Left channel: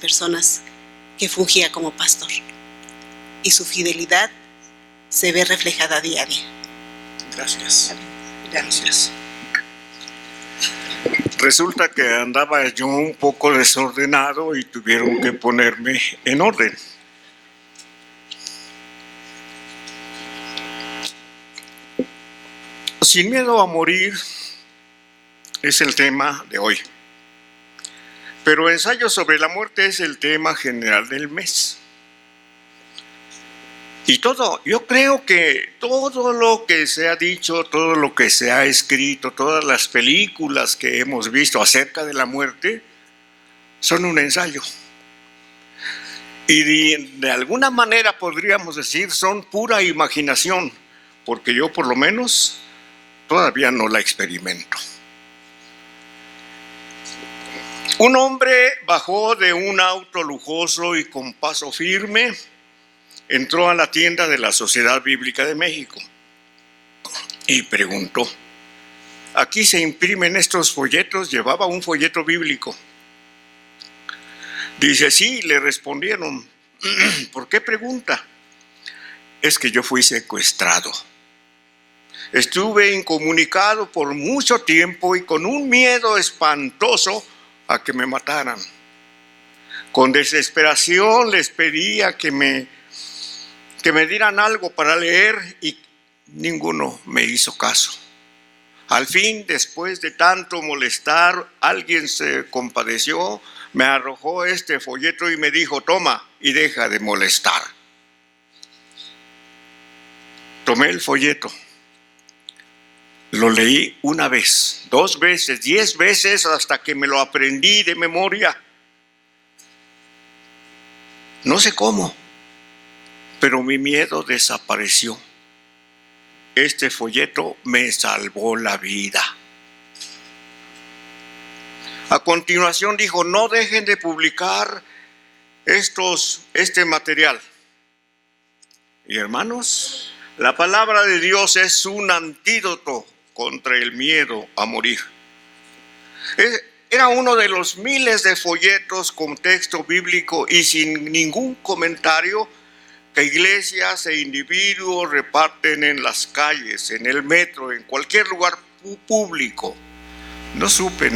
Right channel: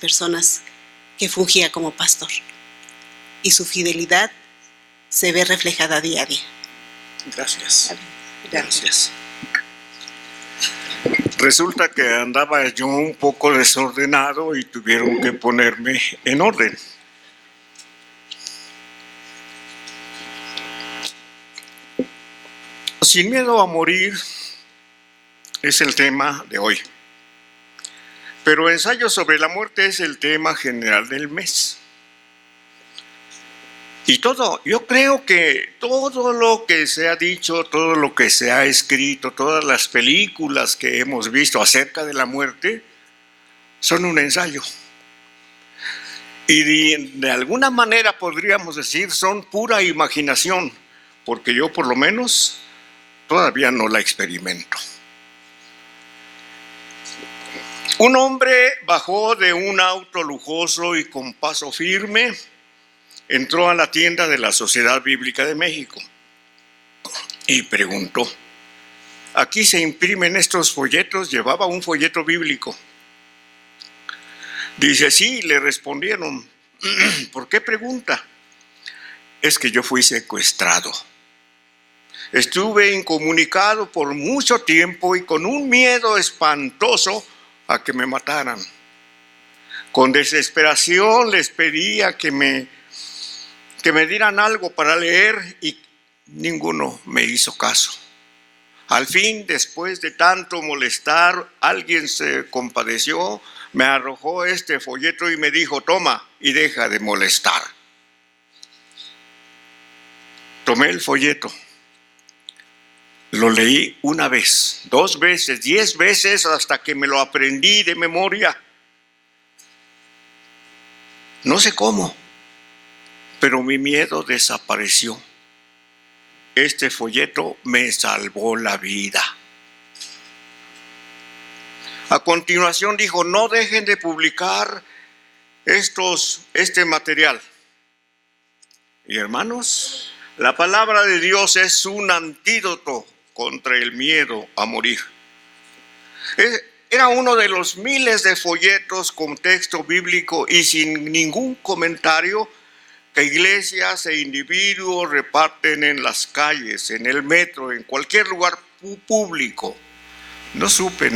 personal, el próximo será pastor. Y su fidelidad será reflejada diario. Gracias. Gracias.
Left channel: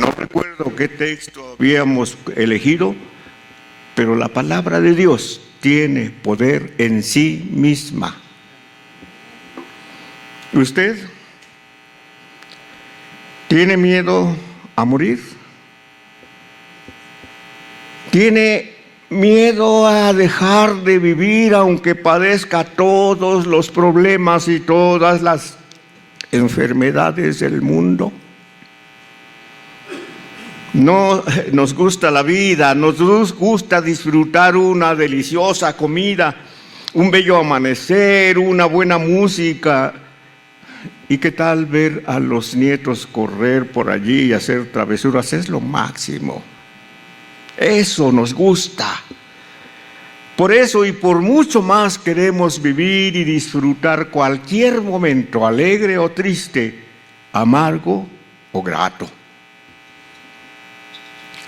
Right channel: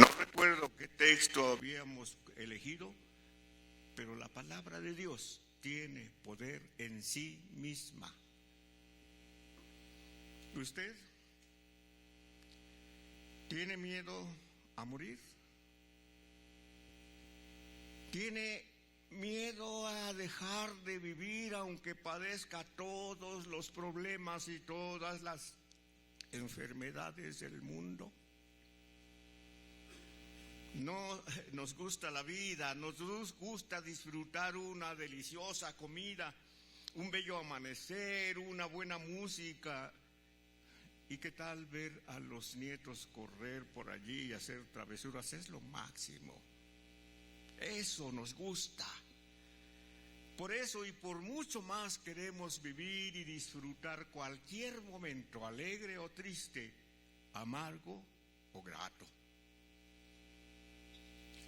No recuerdo qué texto habíamos elegido, pero la palabra de Dios tiene poder en sí misma. ¿Usted tiene miedo a morir? ¿Tiene miedo a dejar de vivir aunque padezca todos los problemas y todas las enfermedades del mundo? No nos gusta la vida, nos gusta disfrutar una deliciosa comida, un bello amanecer, una buena música. ¿Y qué tal ver a los nietos correr por allí y hacer travesuras? Es lo máximo. Eso nos gusta. Por eso y por mucho más queremos vivir y disfrutar cualquier momento, alegre o triste, amargo o grato.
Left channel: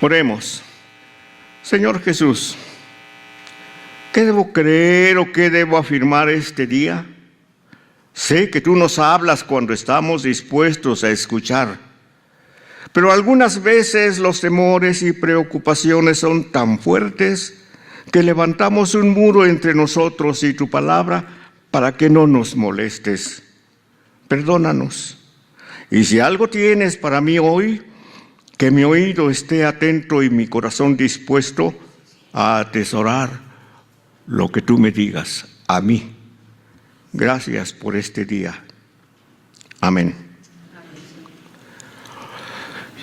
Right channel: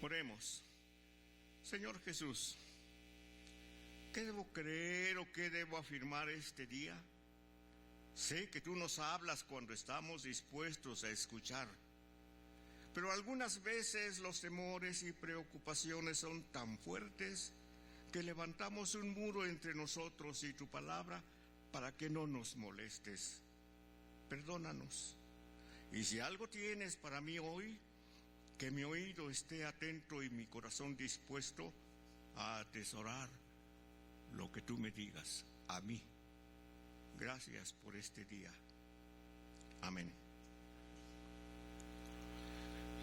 Oremos. Señor Jesús, ¿qué debo creer o qué debo afirmar este día? Sé que tú nos hablas cuando estamos dispuestos a escuchar, pero algunas veces los temores y preocupaciones son tan fuertes que levantamos un muro entre nosotros y tu palabra para que no nos molestes. Perdónanos. Y si algo tienes para mí hoy, que mi oído esté atento y mi corazón dispuesto a atesorar lo que tú me digas a mí. Gracias por este día. Amén.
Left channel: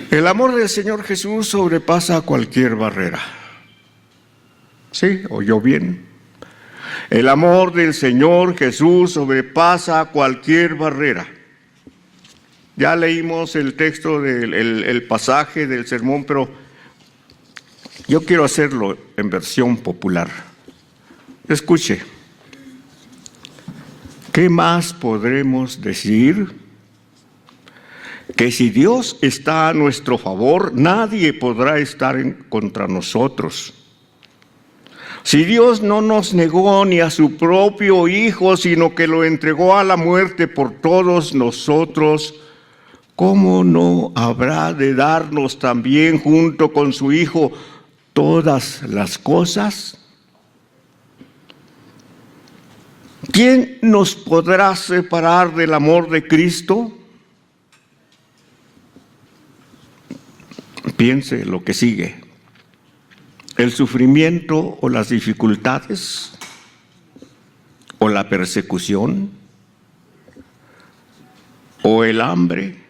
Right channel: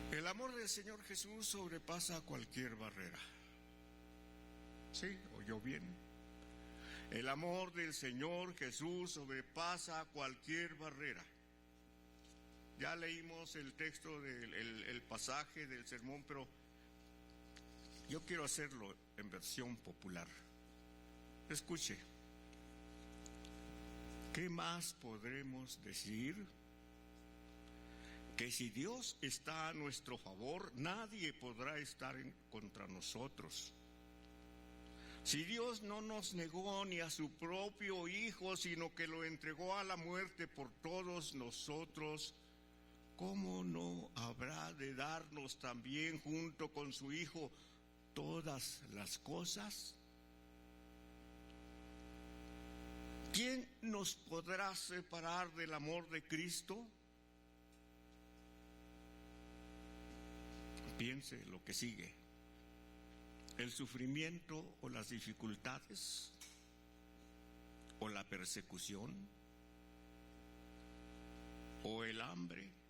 El amor del Señor Jesús sobrepasa cualquier barrera. ¿Sí? ¿Oyó bien? El amor del Señor Jesús sobrepasa cualquier barrera. Ya leímos el texto el pasaje del sermón, pero yo quiero hacerlo en versión popular. Escuche. ¿Qué más podremos decir? Que si Dios está a nuestro favor, nadie podrá estar contra nosotros. Si Dios no nos negó ni a su propio Hijo, sino que lo entregó a la muerte por todos nosotros, ¿cómo no habrá de darnos también junto con su Hijo todas las cosas? ¿Quién nos podrá separar del amor de Cristo? Piense lo que sigue. ¿El sufrimiento o las dificultades? ¿O la persecución? ¿O el hambre?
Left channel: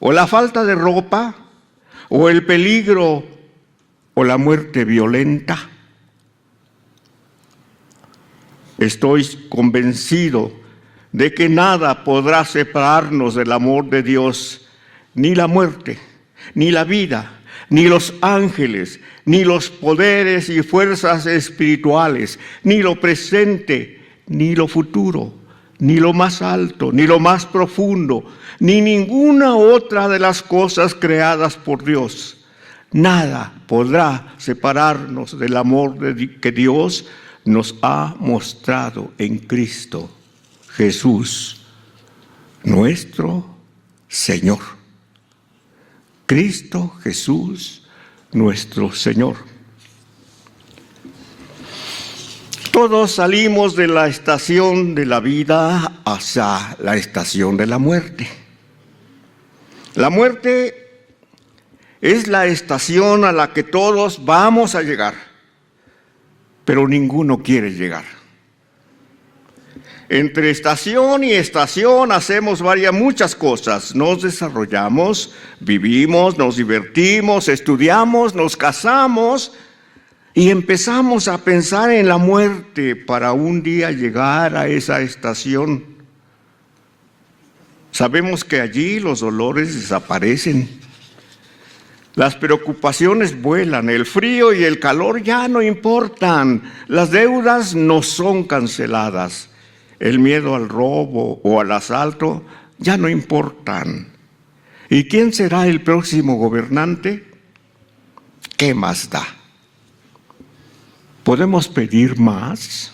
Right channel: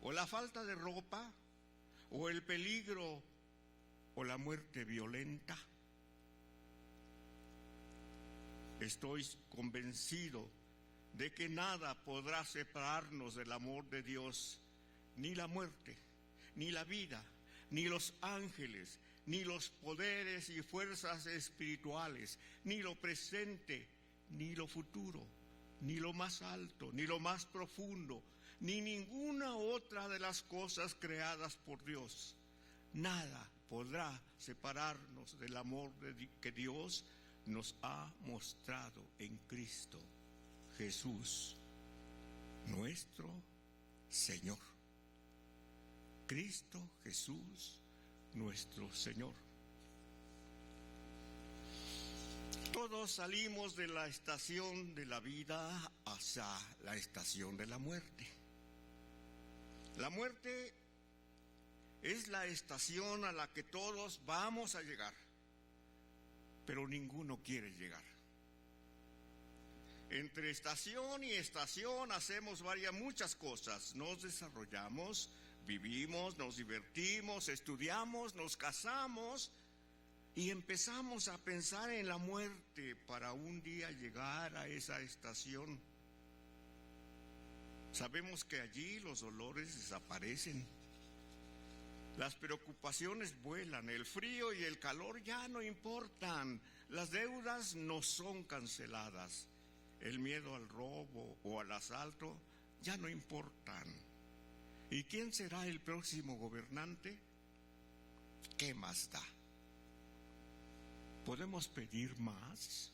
¿O la falta de ropa? ¿O el peligro? ¿O la muerte violenta? Estoy convencido de que nada podrá separarnos del amor de Dios, ni la muerte, ni la vida, ni los ángeles, ni los poderes y fuerzas espirituales, ni lo presente, ni lo futuro, ni lo más alto, ni lo más profundo, ni ninguna otra de las cosas creadas por Dios. Nada podrá separarnos del amor que Dios nos ha mostrado en Cristo Jesús, nuestro Señor. Cristo Jesús, nuestro Señor. Todos salimos de la estación de la vida hacia la estación de la muerte. La muerte es la estación a la que todos vamos a llegar, pero ninguno quiere llegar. Entre estación y estación hacemos muchas cosas. Nos desarrollamos, vivimos, nos divertimos, estudiamos, nos casamos y empezamos a pensar en la muerte para un día llegar a esa estación. Sabemos que allí los dolores desaparecen, las preocupaciones vuelan, el frío y el calor ya no importan, las deudas no son canceladas. El miedo al robo o al asalto ya no importan. ¿Y quién será el próximo gobernante? ¿Qué más da? ¿Podemos pedir más?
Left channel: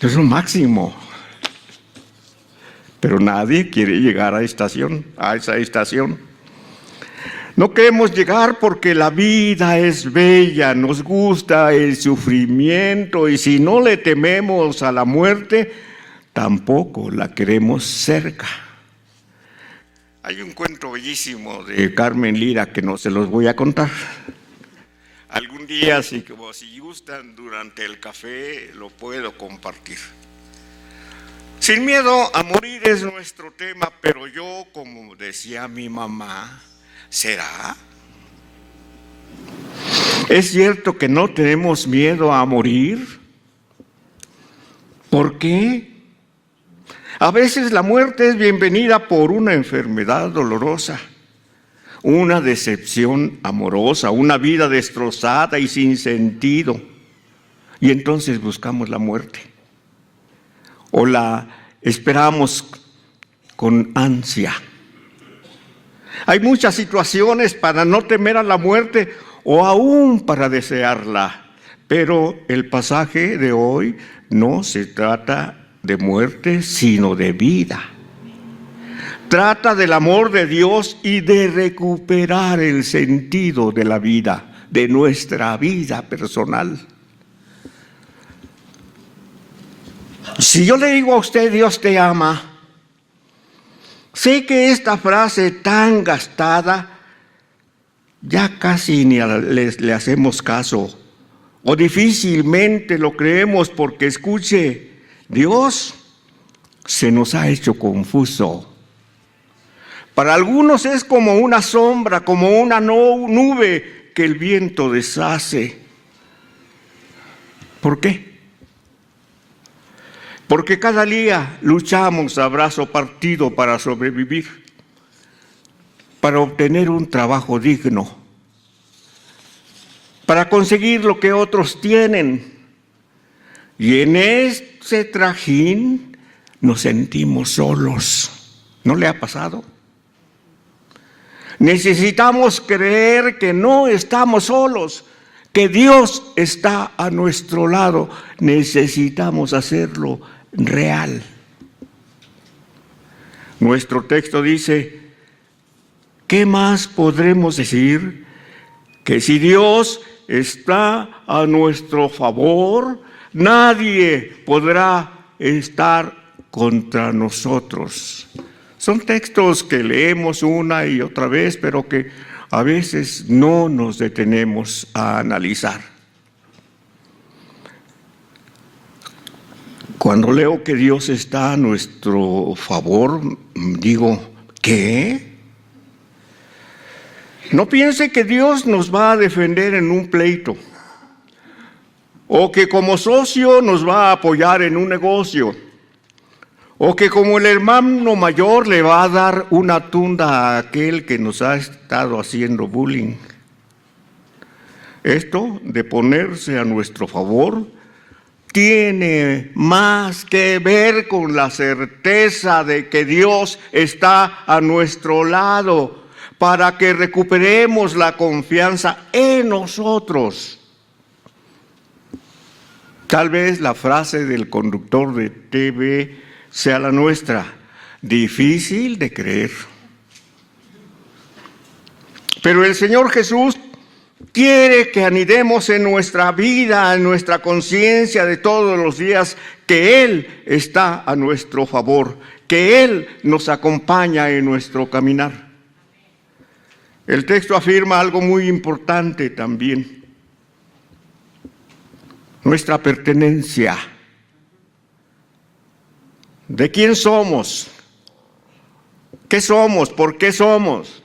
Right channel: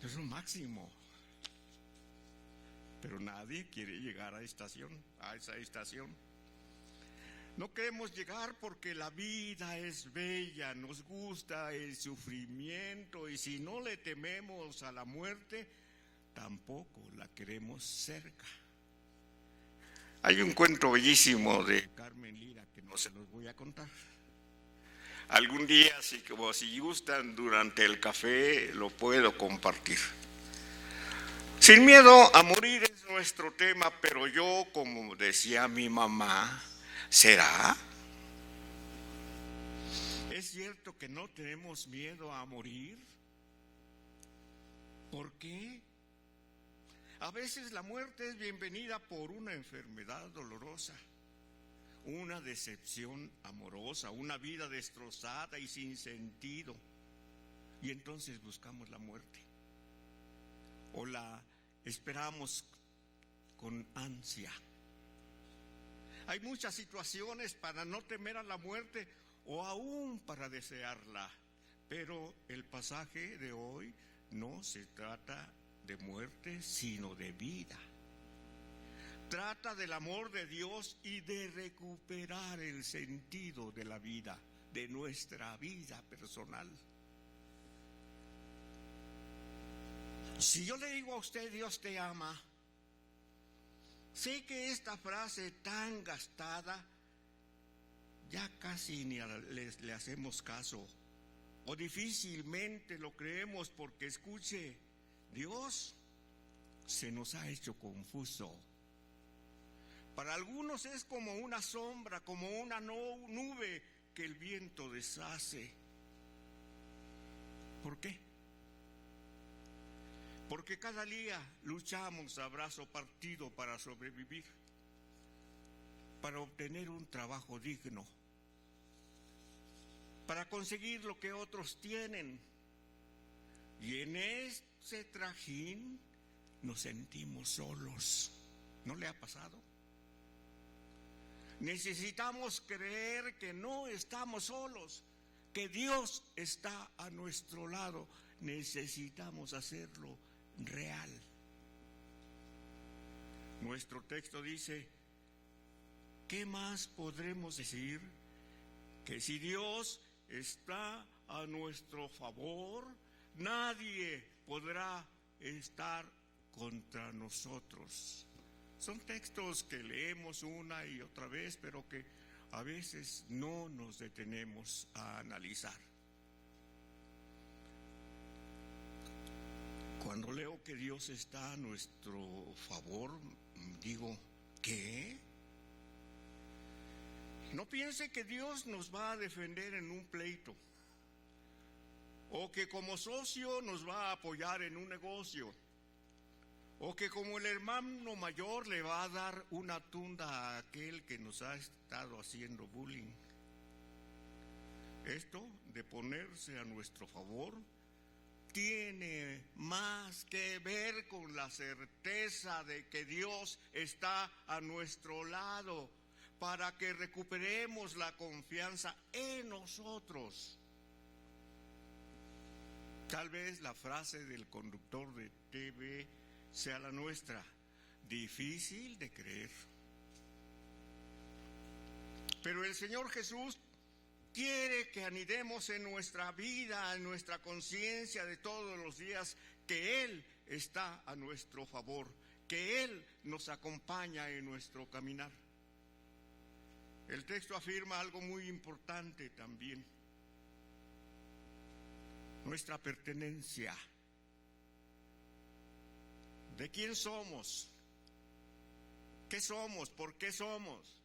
Es lo máximo. Pero nadie quiere llegar a esa estación. No queremos llegar porque la vida es bella, nos gusta el sufrimiento y si no le tememos a la muerte, tampoco la queremos cerca. Carmen Lira, que no se los voy a contar. Algún día sí que gustan, lo puedo compartir. Sin miedo a morir es nuestro tema, pero yo, como decía mi mamá, ¿es cierto que no tenemos miedo a morir? ¿Por qué? A veces la muerte es bienvenida por una enfermedad dolorosa, una decepción amorosa, una vida destrozada y sin sentido. Y entonces buscamos la muerte. O la esperamos con ansia. Hay muchas situaciones para no temer a la muerte o aún para desearla, pero el pasaje de hoy no se trata de muerte, sino de vida. Trata del amor de Dios y de recuperar el sentido de la vida, de nuestra vida personal. Si yo le digo a usted, Dios te ama, sé que esta frase tan gastada ya casi ni le hacemos caso o difícilmente lo creemos porque, escuche, Dios se nos ha hecho confuso. Para algunos es como una sombra, como una nube que el viento deshace. ¿Por qué? Porque cada día luchamos a brazo partido para sobrevivir, para obtener un trabajo digno, para conseguir lo que otros tienen. Y en este trajín nos sentimos solos. ¿No le ha pasado? Necesitamos creer que no estamos solos, que Dios está a nuestro lado. Necesitamos hacerlo real. Nuestro texto dice, ¿qué más podremos decir? Que si Dios está a nuestro favor, nadie podrá estar contra nosotros. Son textos que leemos una y otra vez, pero que a veces no nos detenemos a analizar. Cuando leo que Dios está a nuestro favor, digo, ¿qué? No piense que Dios nos va a defender en un pleito, o que como socio nos va a apoyar en un negocio, o que como el hermano mayor le va a dar una tunda a aquel que nos ha estado haciendo bullying. Esto de ponerse a nuestro favor tiene más que ver con la certeza de que Dios está a nuestro lado para que recuperemos la confianza en nosotros. Tal vez la frase del conductor de TV sea la nuestra, difícil de creer. Pero el Señor Jesús quiere que anidemos en nuestra vida, en nuestra conciencia de todos los días, que Él está a nuestro favor, que Él nos acompaña en nuestro caminar. El texto afirma algo muy importante también, nuestra pertenencia. ¿De quién somos? ¿Qué somos? ¿Por qué somos?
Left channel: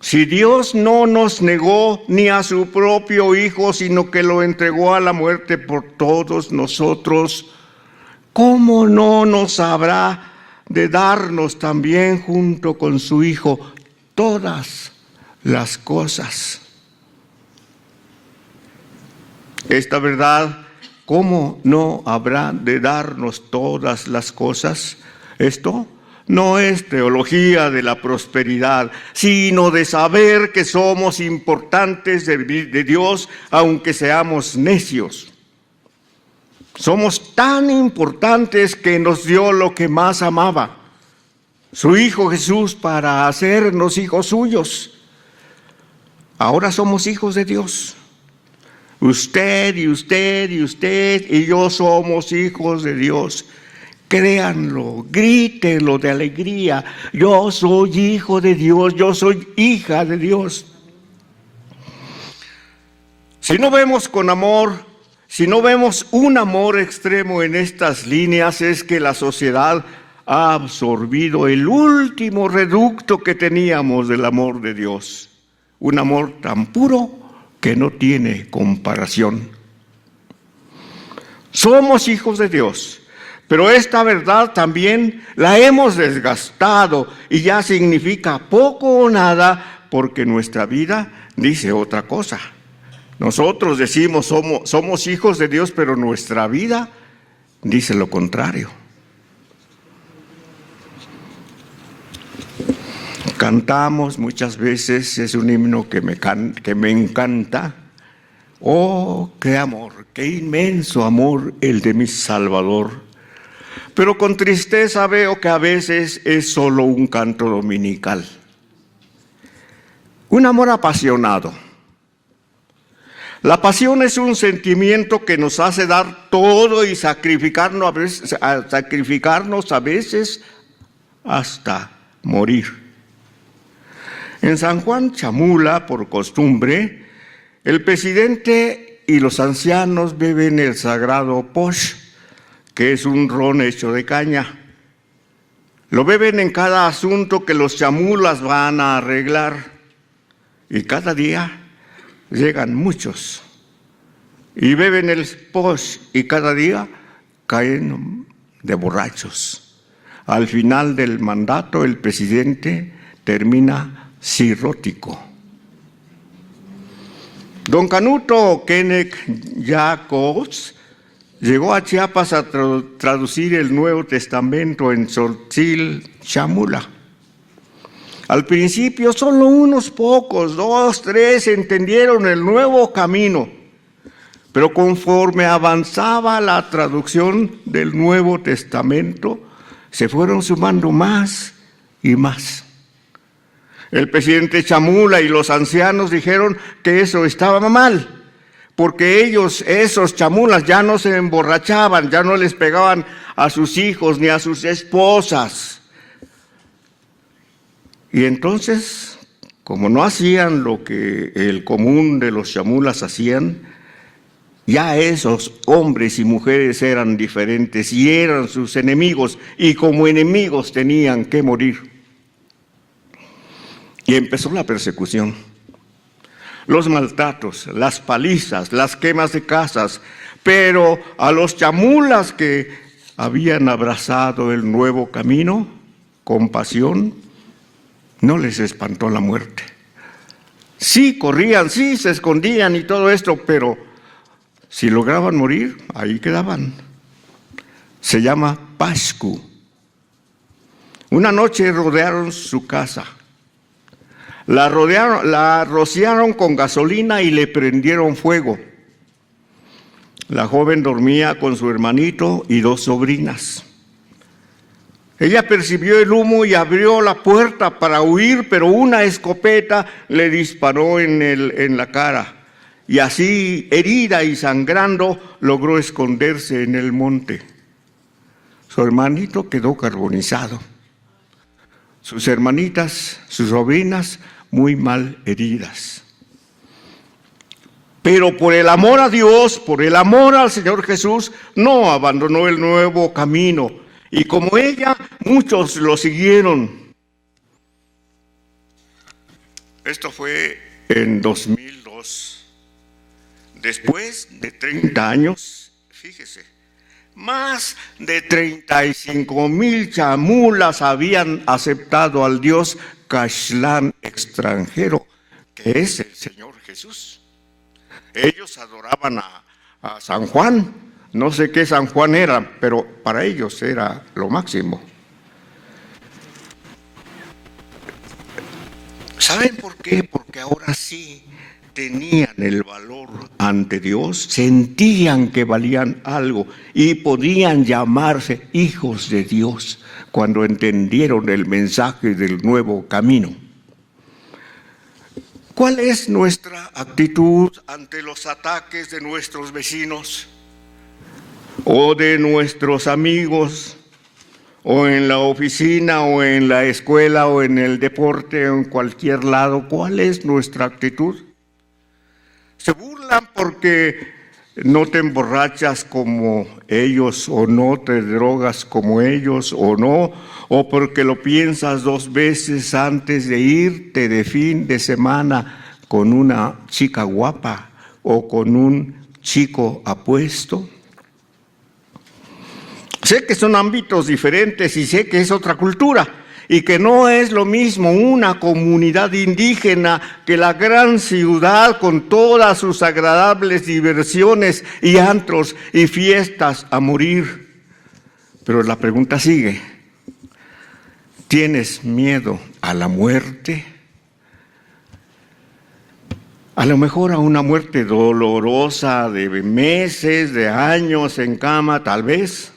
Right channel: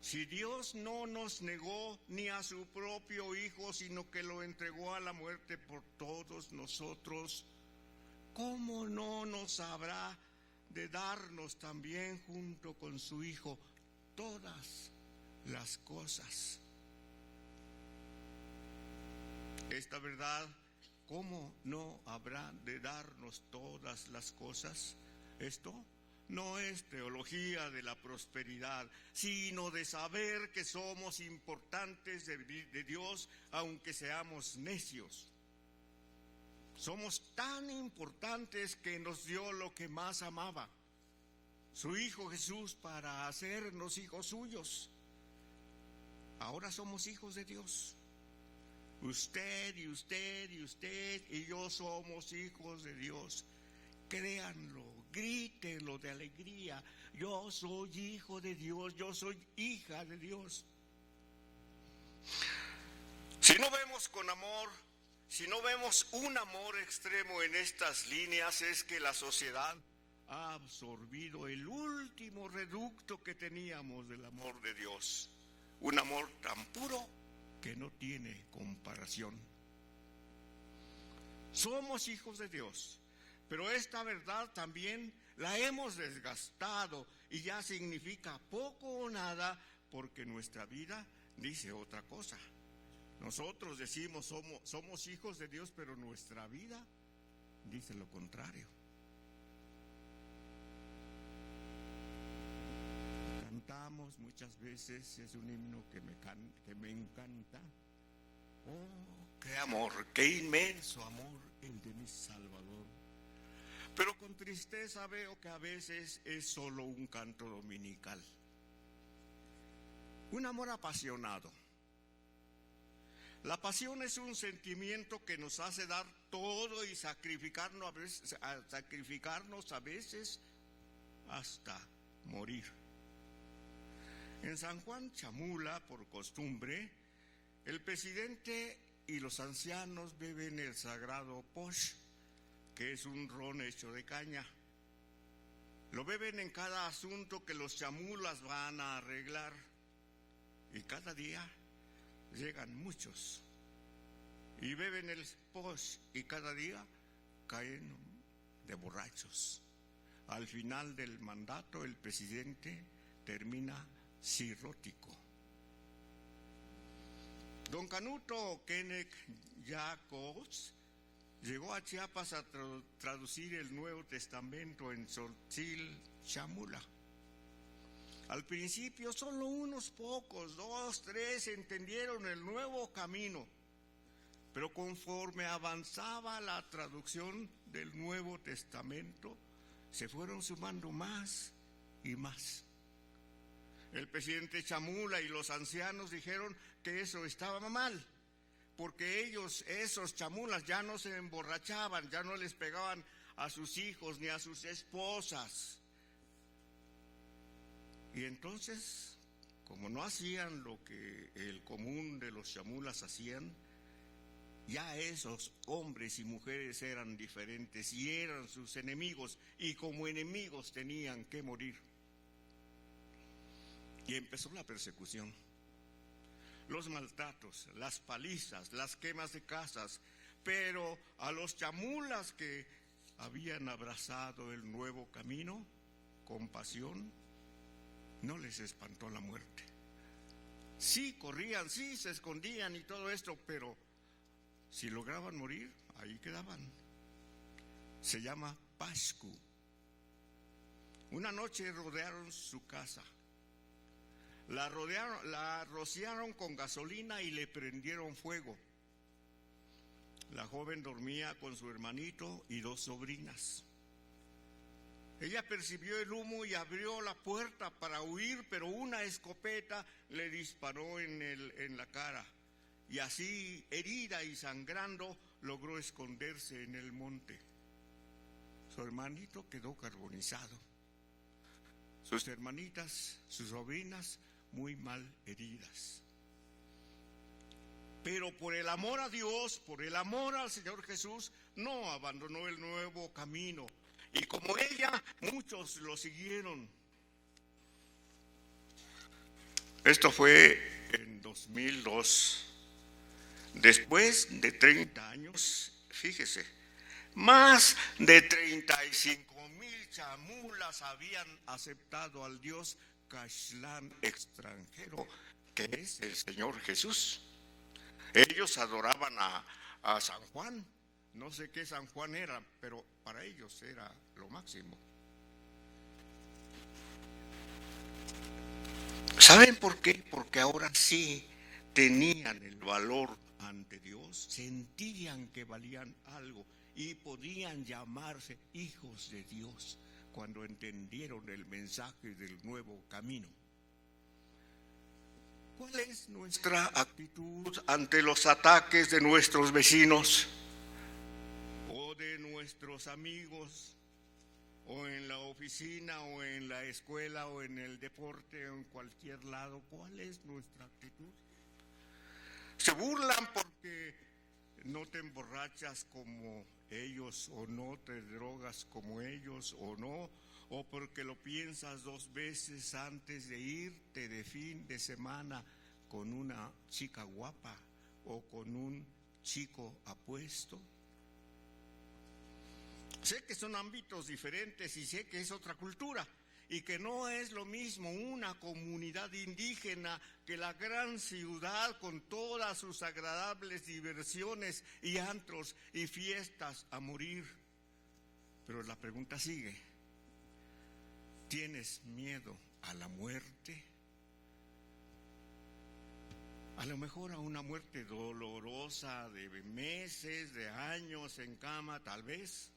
Si Dios no nos negó ni a su propio Hijo, sino que lo entregó a la muerte por todos nosotros, ¿cómo no nos habrá de darnos también junto con su Hijo todas las cosas? Esta verdad, ¿cómo no habrá de darnos todas las cosas? Esto no es teología de la prosperidad, sino de saber que somos importantes de Dios, aunque seamos necios. Somos tan importantes que nos dio lo que más amaba, su Hijo Jesús, para hacernos hijos suyos. Ahora somos hijos de Dios. Usted y usted y usted y yo somos hijos de Dios. Créanlo, grítenlo de alegría. Yo soy hijo de Dios, yo soy hija de Dios. Si no vemos con amor, si no vemos un amor extremo en estas líneas, es que la sociedad ha absorbido el último reducto que teníamos del amor de Dios. Un amor tan puro que no tiene comparación. Somos hijos de Dios, pero esta verdad también la hemos desgastado y ya significa poco o nada porque nuestra vida dice otra cosa. Nosotros decimos somos hijos de Dios, pero nuestra vida dice lo contrario. Cantamos muchas veces, es un himno que me encanta. Oh, qué amor, qué inmenso amor el de mi Salvador. Pero con tristeza veo que a veces es solo un canto dominical. Un amor apasionado. La pasión es un sentimiento que nos hace dar todo y sacrificarnos a veces hasta morir. En San Juan Chamula, por costumbre, el presidente y los ancianos beben el sagrado posh, que es un ron hecho de caña. Lo beben en cada asunto que los chamulas van a arreglar. Y cada día llegan muchos y beben el posh y cada día caen de borrachos. Al final del mandato, el presidente termina cirrótico. Don Canuto Kenneth Jacobs llegó a Chiapas a traducir el Nuevo Testamento en Tzotzil Chamula. Al principio solo unos pocos, 2, 3, entendieron el nuevo camino, pero conforme avanzaba la traducción del Nuevo Testamento, se fueron sumando más y más. El presidente Chamula y los ancianos dijeron que eso estaba mal, porque ellos, esos chamulas, ya no se emborrachaban, ya no les pegaban a sus hijos ni a sus esposas. Y entonces, como no hacían lo que el común de los chamulas hacían, ya esos hombres y mujeres eran diferentes y eran sus enemigos, y como enemigos tenían que morir. Y empezó la persecución, los maltratos, las palizas, las quemas de casas, pero a los chamulas que habían abrazado el nuevo camino con pasión, no les espantó la muerte. Sí corrían, sí se escondían y todo esto, pero si lograban morir, ahí quedaban. Se llama Pascu. Una noche rodearon su casa. La rociaron con gasolina y le prendieron fuego. La joven dormía con su hermanito y 2 sobrinas. Ella percibió el humo y abrió la puerta para huir, pero una escopeta le disparó en la cara. Y así, herida y sangrando, logró esconderse en el monte. Su hermanito quedó carbonizado. Sus hermanitas, sus sobrinas, muy mal heridas. Pero por el amor a Dios, por el amor al Señor Jesús, no abandonó el nuevo camino. Y como ella, muchos lo siguieron. En 2030 años, 35,000 chamulas habían aceptado al Dios Caxlán extranjero. Ese estaban a San Juan. No sé qué San Juan era, pero para ellos era lo máximo. Tenían el valor ante Dios, sentían que valían algo y podían llamarse hijos de Dios cuando entendieron el mensaje del nuevo camino. ¿Cuál es nuestra actitud? O de nuestros amigos, o en la oficina, o en la escuela, o en el deporte, o en cualquier lado. ¿Cuál es nuestra actitud? ¿Se burlan porque no te emborrachas como ellos, o no te drogas como ellos, o no? ¿O porque lo piensas 2 veces antes de irte de fin de semana con una chica guapa o con un chico apuesto? Sé que son ámbitos diferentes y sé que es otra cultura y que no es lo mismo una comunidad indígena que la gran ciudad con todas sus agradables diversiones y antros y fiestas a morir. Pero la pregunta sigue: ¿tienes miedo a la muerte? A lo mejor a una muerte dolorosa de meses, de años en cama, tal vez.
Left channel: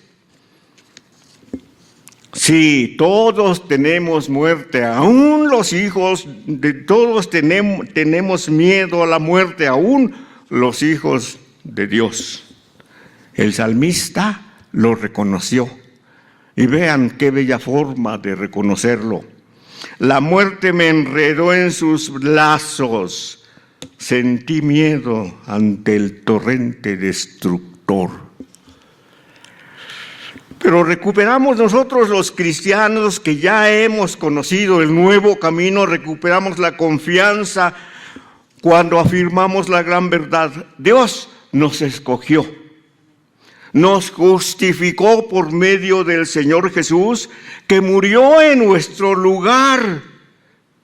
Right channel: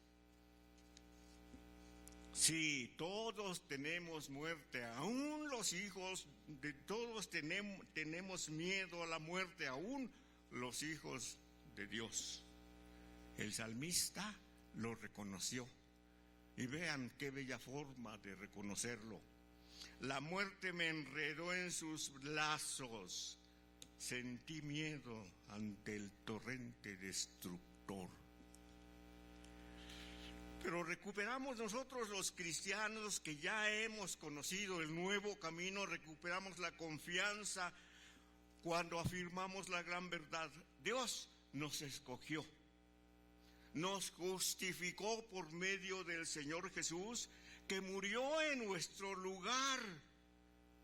Sí, todos tenemos muerte, aún los hijos de todos tenemos miedo a la muerte, aún los hijos de Dios. El salmista lo reconoció y vean qué bella forma de reconocerlo. La muerte me enredó en sus lazos, sentí miedo ante el torrente destructor. Pero recuperamos nosotros los cristianos que ya hemos conocido el nuevo camino, recuperamos la confianza cuando afirmamos la gran verdad. Dios nos escogió, nos justificó por medio del Señor Jesús, que murió en nuestro lugar,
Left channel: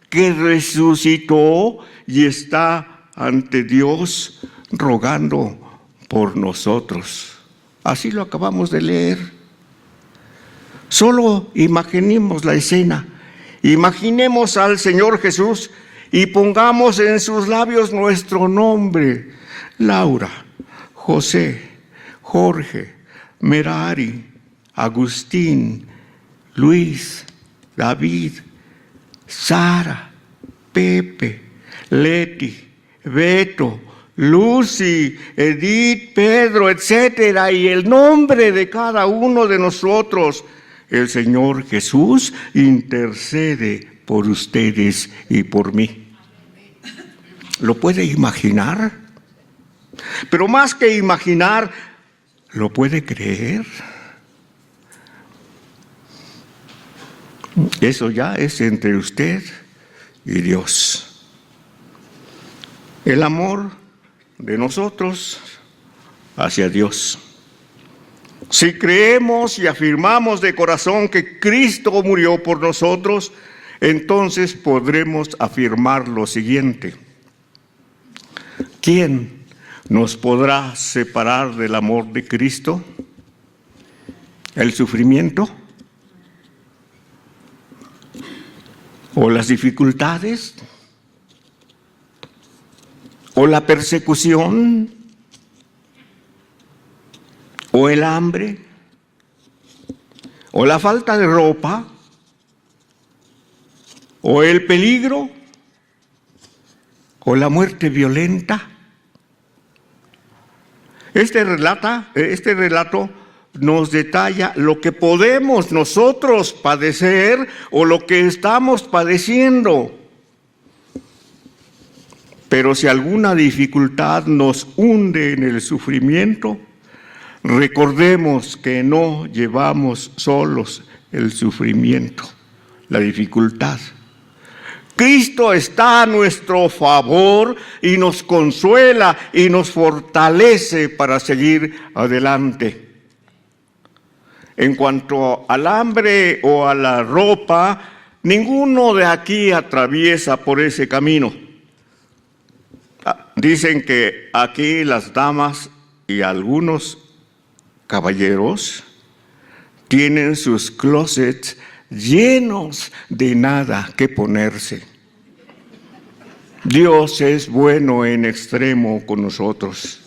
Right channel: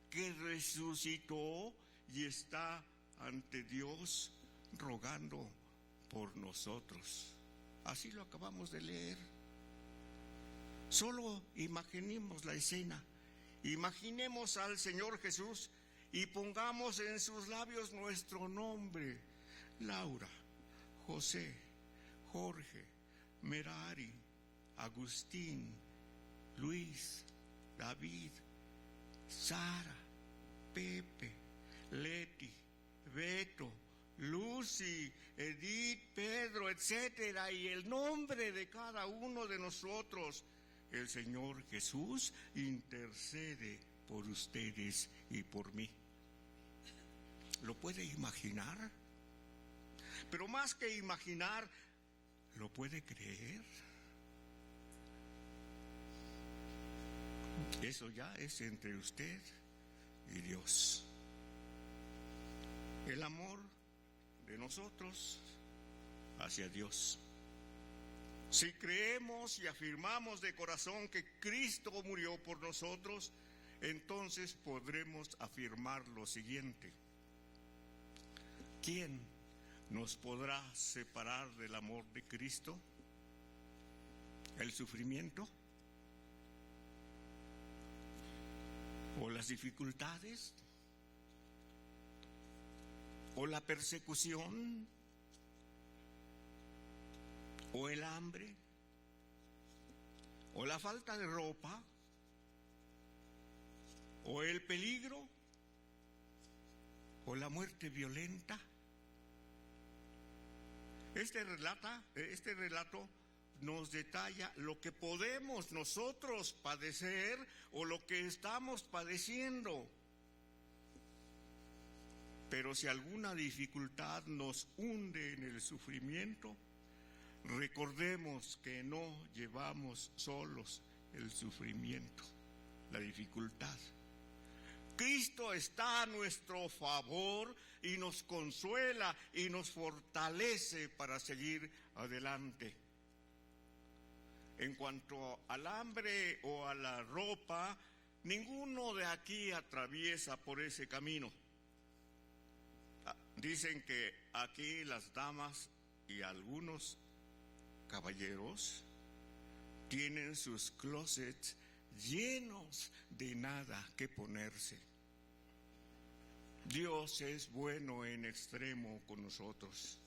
que resucitó y está ante Dios rogando por nosotros. Así lo acabamos de leer. Solo imaginemos la escena. Imaginemos al Señor Jesús y pongamos en sus labios nuestro nombre. Laura, José, Jorge, Merari, Agustín, Luis, David, Sara, Pepe, Leti, Beto, Lucy, Edith, Pedro, etcétera, y el nombre de cada uno de nosotros. El Señor Jesús intercede por ustedes y por mí. ¿Lo puede imaginar? Pero más que imaginar, ¿lo puede creer? Eso ya es entre usted y Dios. El amor de nosotros hacia Dios. Si creemos y afirmamos de corazón que Cristo murió por nosotros, entonces podremos afirmar lo siguiente: ¿quién nos podrá separar del amor de Cristo? ¿El sufrimiento? ¿O las dificultades? ¿O la persecución? ¿O el hambre? ¿O la falta de ropa? ¿O el peligro? ¿O la muerte violenta? Este relato nos detalla lo que podemos nosotros padecer o lo que estamos padeciendo. Pero si alguna dificultad nos hunde en el sufrimiento, recordemos que no llevamos solos el sufrimiento, la dificultad. Cristo está a nuestro favor y nos consuela y nos fortalece para seguir adelante. En cuanto al hambre o a la ropa, ninguno de aquí atraviesa por ese camino. Dicen que aquí las damas y algunos caballeros tienen sus closets llenos de nada que ponerse. Dios es bueno en extremo con nosotros.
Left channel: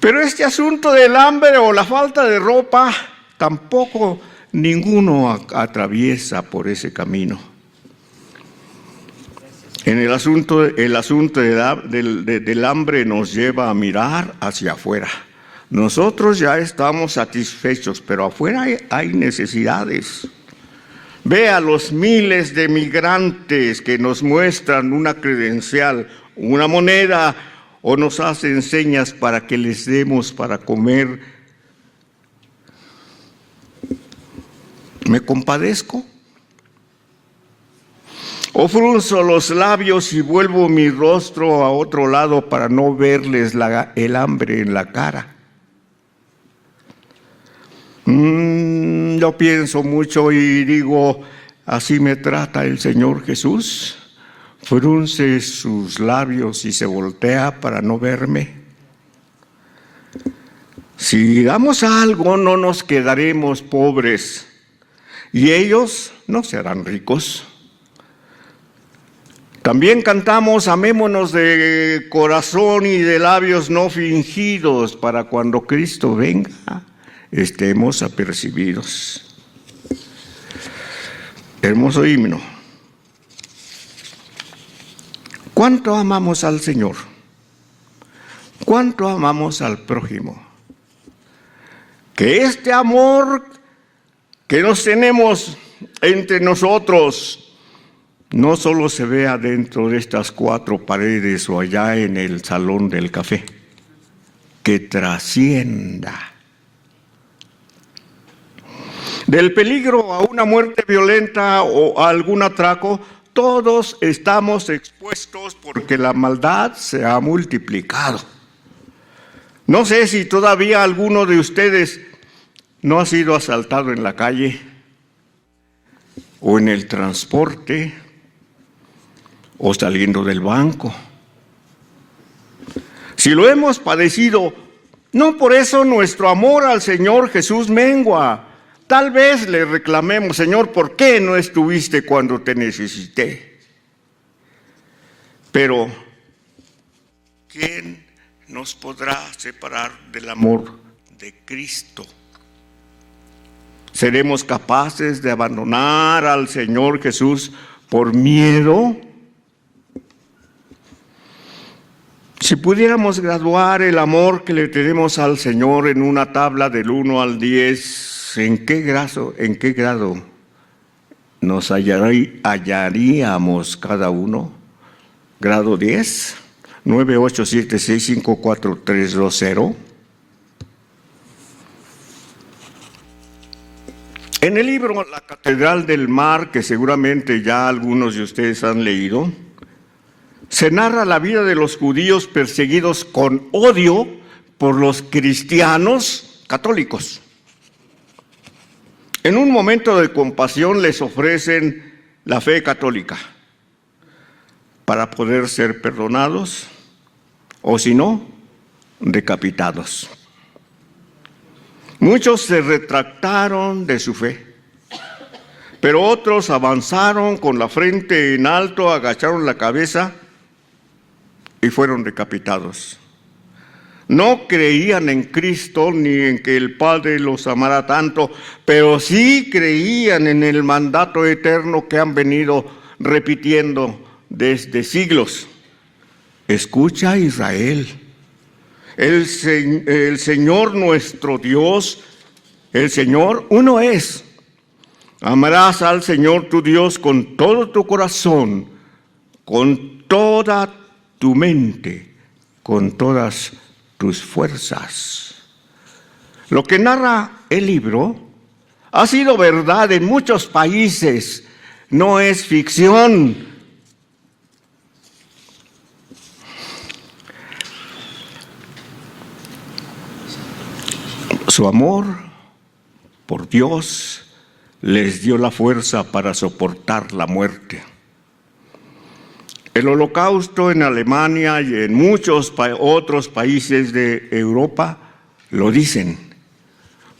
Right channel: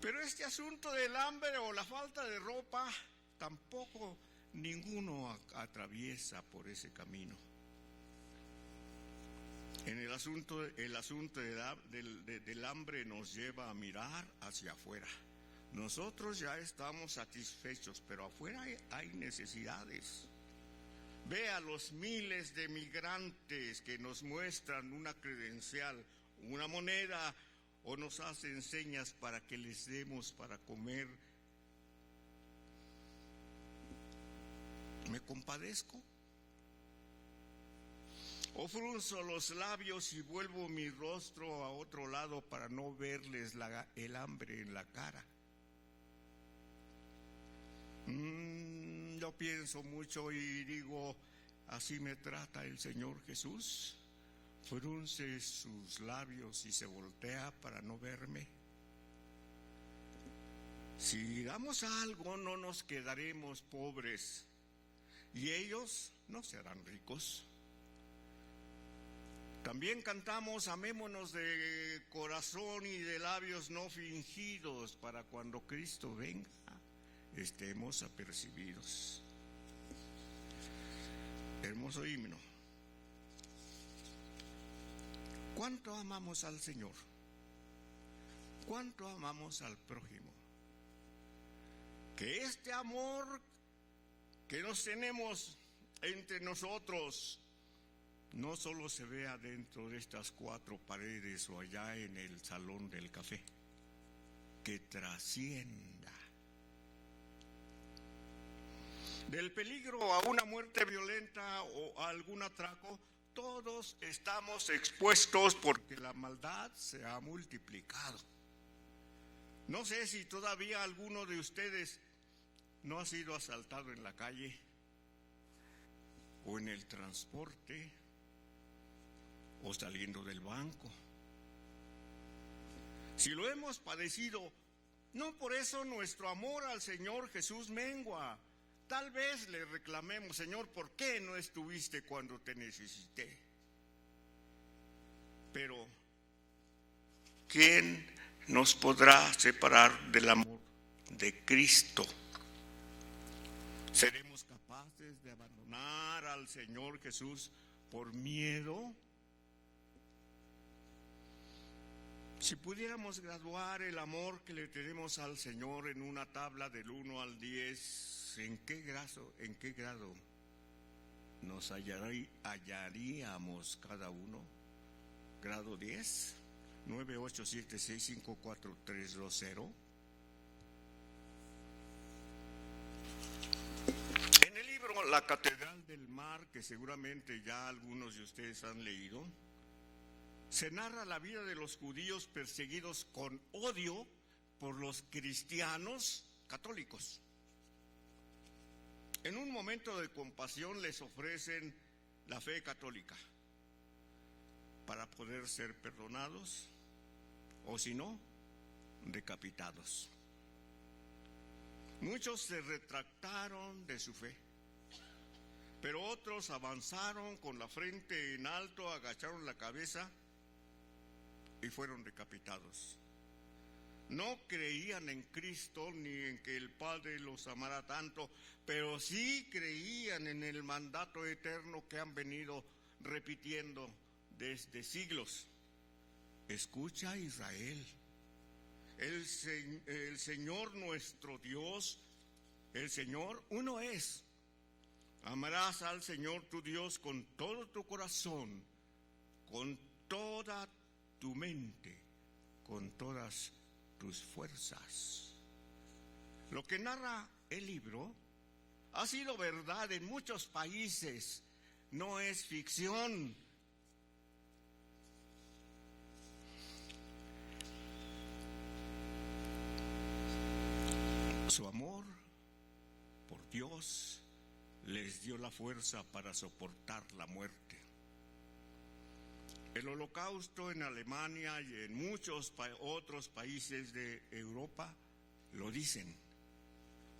Pero este asunto del hambre o la falta de ropa, tampoco ninguno atraviesa por ese camino. En el asunto del hambre nos lleva a mirar hacia afuera. Nosotros ya estamos satisfechos, pero afuera hay necesidades. Ve a los miles de migrantes que nos muestran una credencial, una moneda, o nos hacen señas para que les demos para comer. ¿Me compadezco? ¿O frunzo los labios y vuelvo mi rostro a otro lado para no verles el hambre en la cara? Yo pienso mucho y digo, ¿así me trata el Señor Jesús? Frunce sus labios y se voltea para no verme. Si damos algo, no nos quedaremos pobres, y ellos no serán ricos. También cantamos, amémonos de corazón y de labios no fingidos, para cuando Cristo venga, estemos apercibidos. Hermoso himno. ¿Cuánto amamos al Señor? ¿Cuánto amamos al prójimo? Que este amor que nos tenemos entre nosotros no solo se vea dentro de estas cuatro paredes o allá en el salón del café, que trascienda. Del peligro a una muerte violenta o a algún atraco, todos estamos expuestos porque la maldad se ha multiplicado. No sé si todavía alguno de ustedes no ha sido asaltado en la calle o en el transporte o saliendo del banco. Si lo hemos padecido, No por eso nuestro amor al Señor Jesús mengua. Tal vez le reclamemos, Señor, ¿por qué no estuviste cuando te necesité? Pero ¿quién nos podrá separar del amor de Cristo? ¿Seremos capaces de abandonar al Señor Jesús por miedo? Si pudiéramos graduar el amor que le tenemos al Señor en una tabla del 1 al 10, ¿en qué grado nos hallaríamos cada uno? ¿Grado 10? 9, 8, 7, 6, 5, 4, 3, 2, 0. En el libro La Catedral del Mar, que seguramente ya algunos de ustedes han leído, se narra la vida de los judíos perseguidos con odio por los cristianos católicos. En un momento de compasión les ofrecen la fe católica para poder ser perdonados o, si no, decapitados. Muchos se retractaron de su fe, pero otros avanzaron con la frente en alto, agacharon la cabeza y fueron decapitados. No creían en Cristo ni en que el Padre los amara tanto, pero sí creían en el mandato eterno que han venido repitiendo desde siglos. Escucha, Israel, el Señor nuestro Dios, el Señor uno es. Amarás al Señor tu Dios con todo tu corazón, con toda tu mente, con todas tus fuerzas. Lo que narra el libro ha sido verdad en muchos países, no es ficción. Su amor por Dios les dio la fuerza para soportar la muerte. El Holocausto en Alemania y en muchos otros países de Europa lo dicen,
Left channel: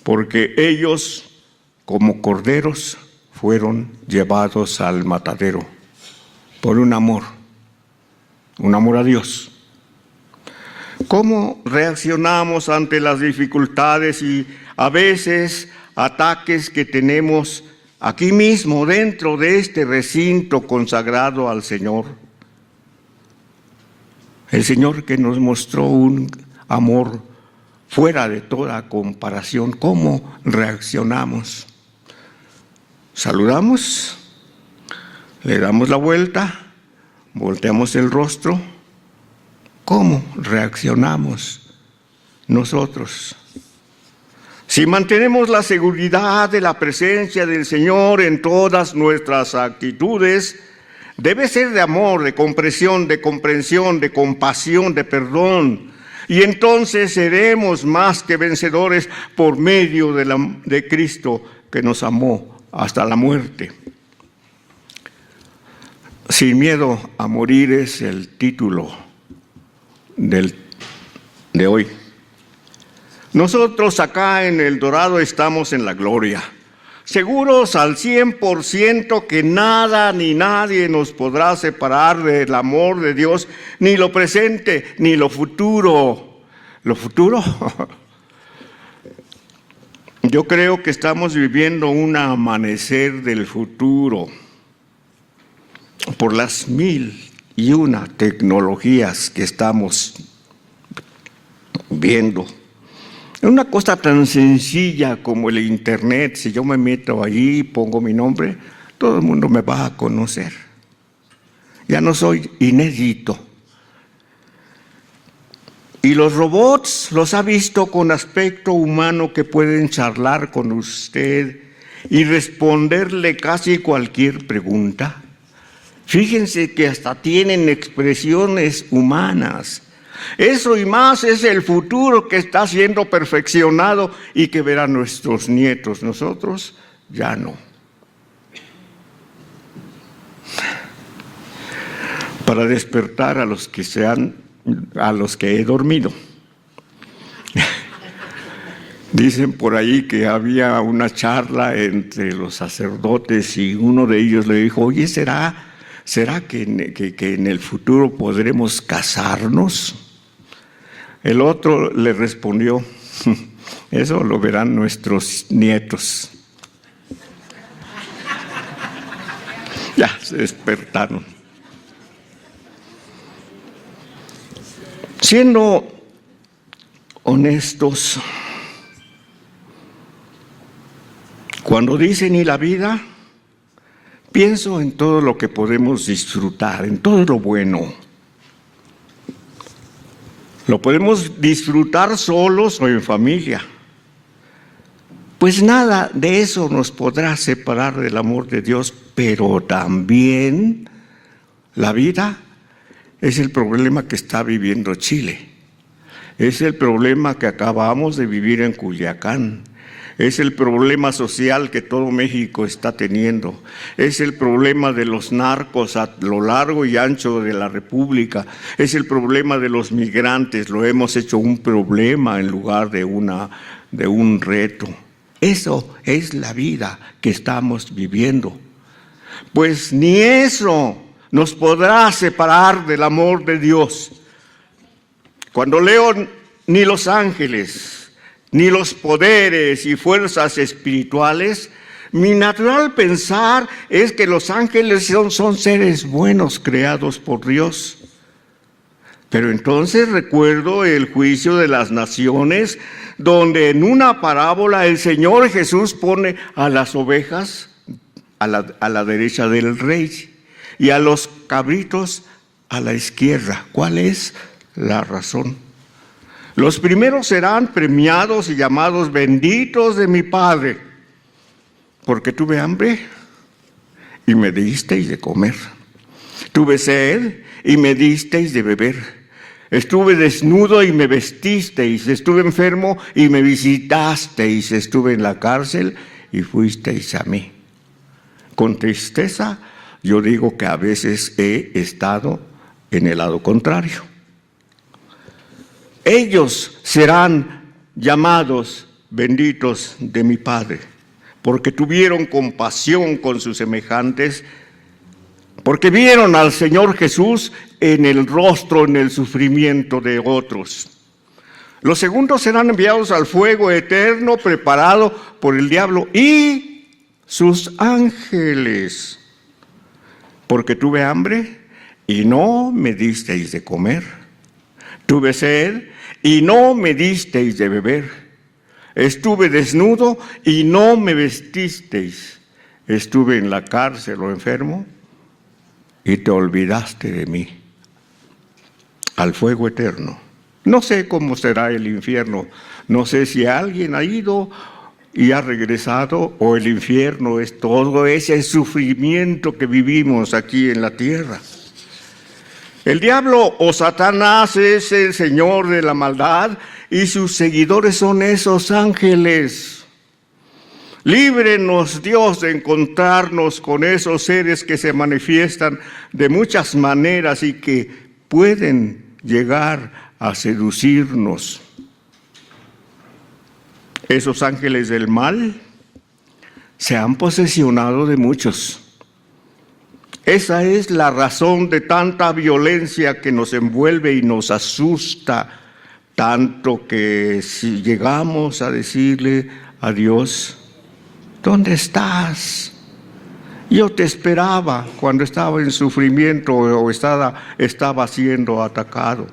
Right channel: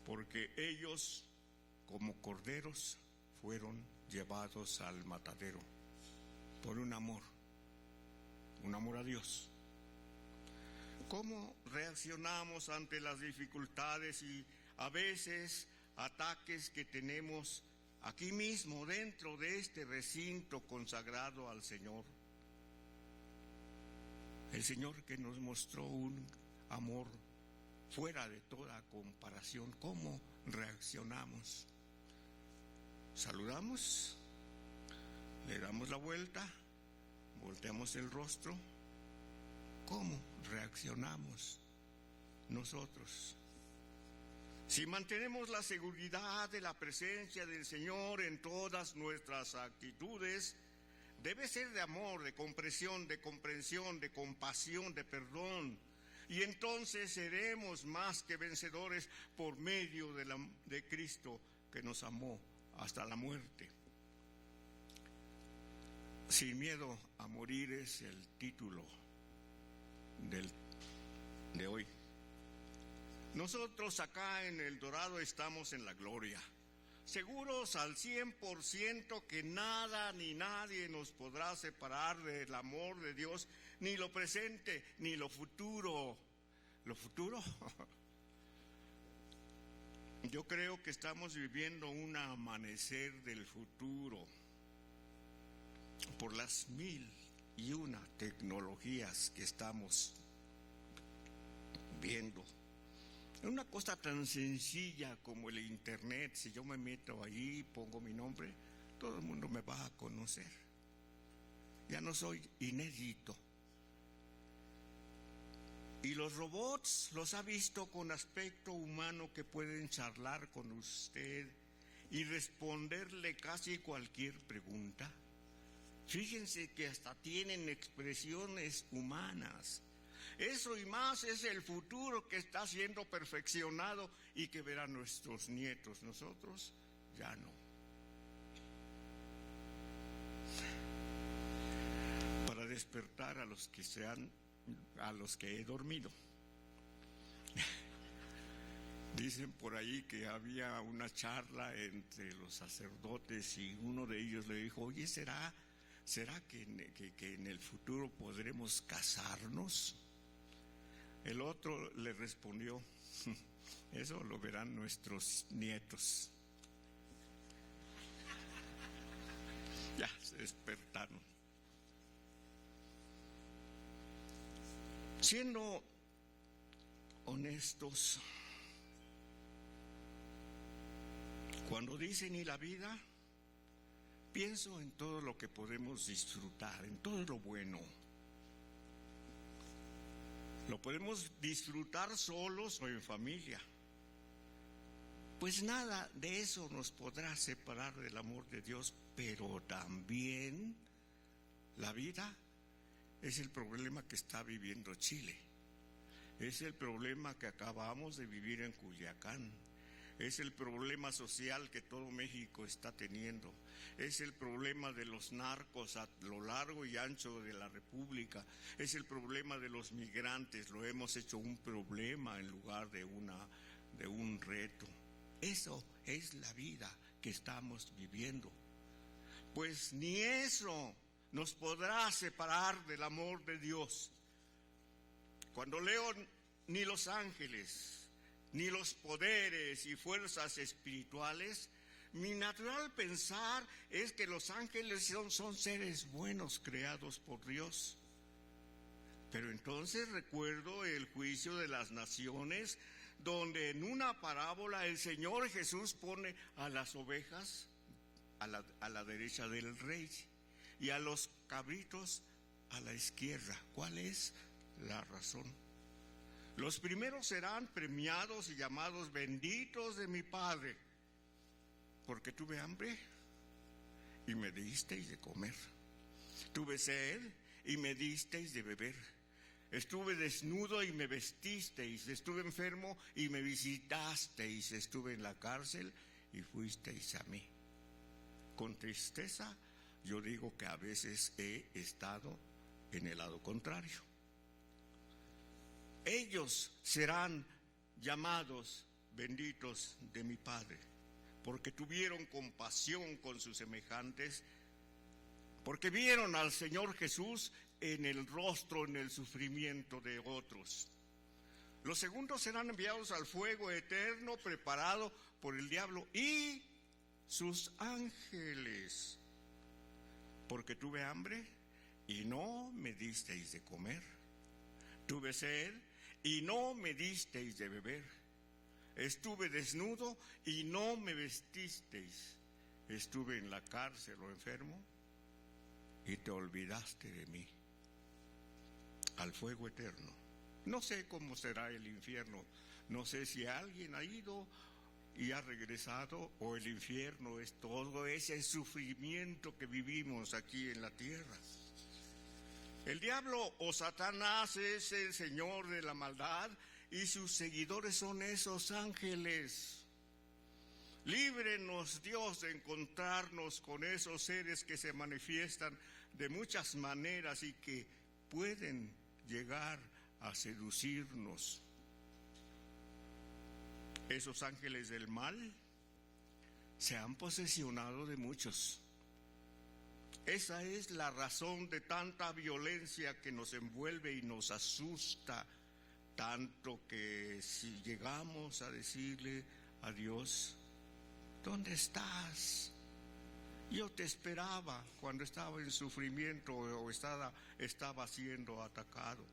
porque ellos, como corderos, fueron llevados al matadero por un amor a Dios. ¿Cómo reaccionamos ante las dificultades y a veces ataques que tenemos aquí mismo dentro de este recinto consagrado al Señor? El Señor que nos mostró un amor fuera de toda comparación. ¿Cómo reaccionamos? ¿Saludamos? ¿Le damos la vuelta? ¿Volteamos el rostro? ¿Cómo reaccionamos nosotros? Si mantenemos la seguridad de la presencia del Señor en todas nuestras actitudes, debe ser de amor, de comprensión, de compasión, de perdón. Y entonces seremos más que vencedores por medio de Cristo que nos amó hasta la muerte. Sin miedo a morir es el título de hoy. Nosotros acá en El Dorado estamos en la gloria, seguros al 100% que nada ni nadie nos podrá separar del amor de Dios, ni lo presente ni lo futuro. ¿Lo futuro? Yo creo que estamos viviendo un amanecer del futuro por las 1001 tecnologías que estamos viendo. Una cosa tan sencilla como el Internet, si yo me meto allí y pongo mi nombre, todo el mundo me va a conocer. Ya no soy inédito. Y los robots los ha visto con aspecto humano que pueden charlar con usted y responderle casi cualquier pregunta. Fíjense que hasta tienen expresiones humanas. Eso y más es el futuro que está siendo perfeccionado y que verán nuestros nietos. Nosotros ya no. Para despertar a los que he dormido. Dicen por ahí que había una charla entre los sacerdotes y uno de ellos le dijo, oye, ¿será que en el futuro podremos casarnos? El otro le respondió, eso lo verán nuestros nietos. Ya se despertaron. Siendo honestos, cuando dicen "y la vida", pienso en todo lo que podemos disfrutar, en todo lo bueno. Lo podemos disfrutar solos o en familia. Pues nada de eso nos podrá separar del amor de Dios, pero también la vida es el problema que está viviendo Chile. Es el problema que acabamos de vivir en Culiacán. Es el problema social que todo México está teniendo. Es el problema de los narcos a lo largo y ancho de la República. Es el problema de los migrantes. Lo hemos hecho un problema en lugar de un reto. Eso es la vida que estamos viviendo. Pues ni eso nos podrá separar del amor de Dios. Cuando leo ni los ángeles, ni los poderes y fuerzas espirituales, mi natural pensar es que los ángeles son seres buenos creados por Dios. Pero entonces recuerdo el juicio de las naciones, donde en una parábola el Señor Jesús pone a las ovejas a la derecha del rey y a los cabritos a la izquierda. ¿Cuál es la razón? Los primeros serán premiados y llamados benditos de mi Padre, porque tuve hambre y me disteis de comer. Tuve sed y me disteis de beber. Estuve desnudo y me vestisteis. Estuve enfermo y me visitasteis. Estuve en la cárcel y fuisteis a mí. Con tristeza yo digo que a veces he estado en el lado contrario. Ellos serán llamados benditos de mi Padre, porque tuvieron compasión con sus semejantes, porque vieron al Señor Jesús en el rostro, en el sufrimiento de otros. Los segundos serán enviados al fuego eterno preparado por el diablo y sus ángeles, porque tuve hambre y no me disteis de comer, tuve sed y no me disteis de beber, estuve desnudo y no me vestisteis, estuve en la cárcel o enfermo y te olvidaste de mí. Al fuego eterno. No sé cómo será el infierno, no sé si alguien ha ido y ha regresado, o el infierno es todo ese sufrimiento que vivimos aquí en la tierra. El diablo o Satanás es el señor de la maldad y sus seguidores son esos ángeles. Líbrenos, Dios, de encontrarnos con esos seres que se manifiestan de muchas maneras y que pueden llegar a seducirnos. Esos ángeles del mal se han posesionado de muchos. Esa es la razón de tanta violencia que nos envuelve y nos asusta, tanto que si llegamos a decirle a Dios, ¿dónde estás? Yo te esperaba cuando estaba en sufrimiento o estaba siendo atacado.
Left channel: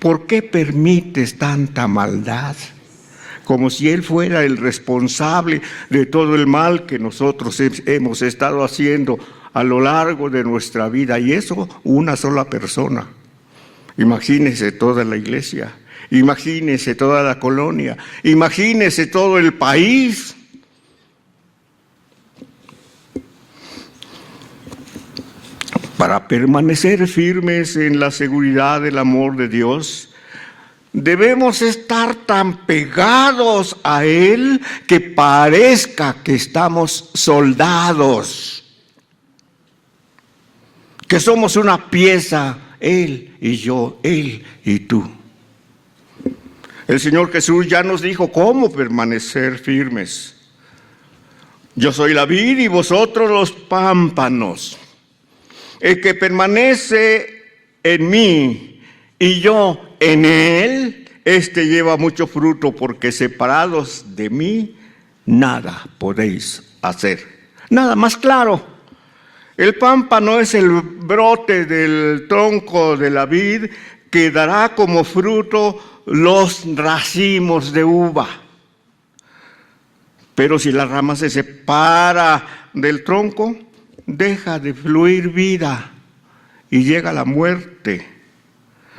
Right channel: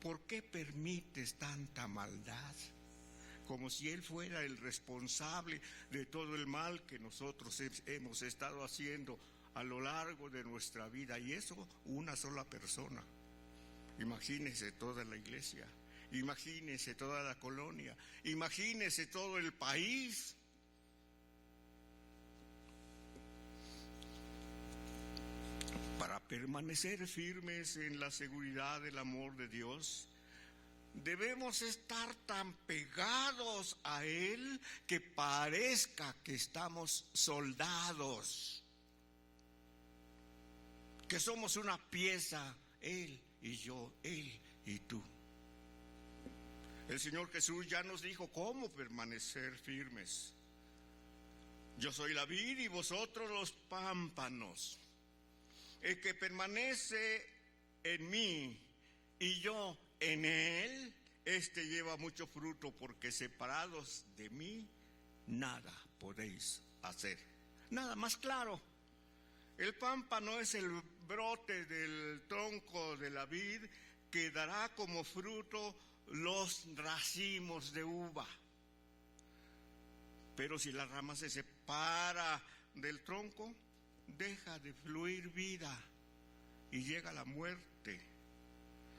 ¿Por qué permites tanta maldad? Como si Él fuera el responsable de todo el mal que nosotros hemos estado haciendo a lo largo de nuestra vida. Y eso una sola persona. Imagínese toda la iglesia, imagínese toda la colonia, imagínese todo el país. Para permanecer firmes en la seguridad del amor de Dios, debemos estar tan pegados a Él que parezca que estamos soldados, que somos una pieza, Él y yo, Él y tú. El Señor Jesús ya nos dijo cómo permanecer firmes. Yo soy la vid y vosotros los pámpanos. El que permanece en mí y yo en él, este lleva mucho fruto, porque separados de mí, nada podéis hacer. Nada más claro. El pámpano es el brote del tronco de la vid que dará como fruto los racimos de uva. Pero si la rama se separa del tronco, deja de fluir vida y llega la muerte.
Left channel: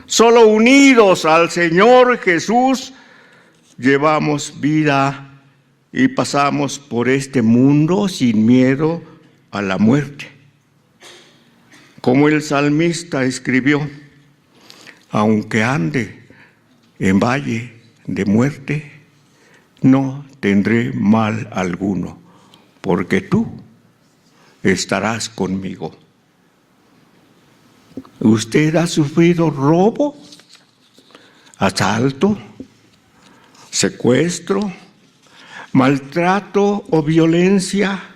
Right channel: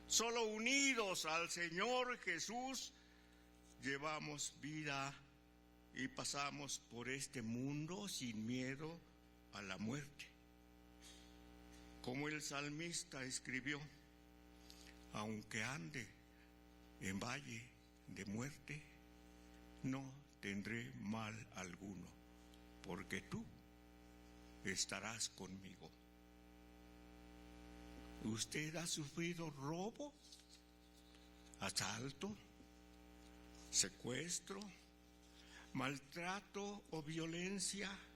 Solo unidos al Señor Jesús llevamos vida y pasamos por este mundo sin miedo a la muerte. Como el salmista escribió: aunque ande en valle de muerte, no tendré mal alguno, porque tú estarás conmigo. ¿Usted ha sufrido robo, asalto, secuestro, maltrato o violencia?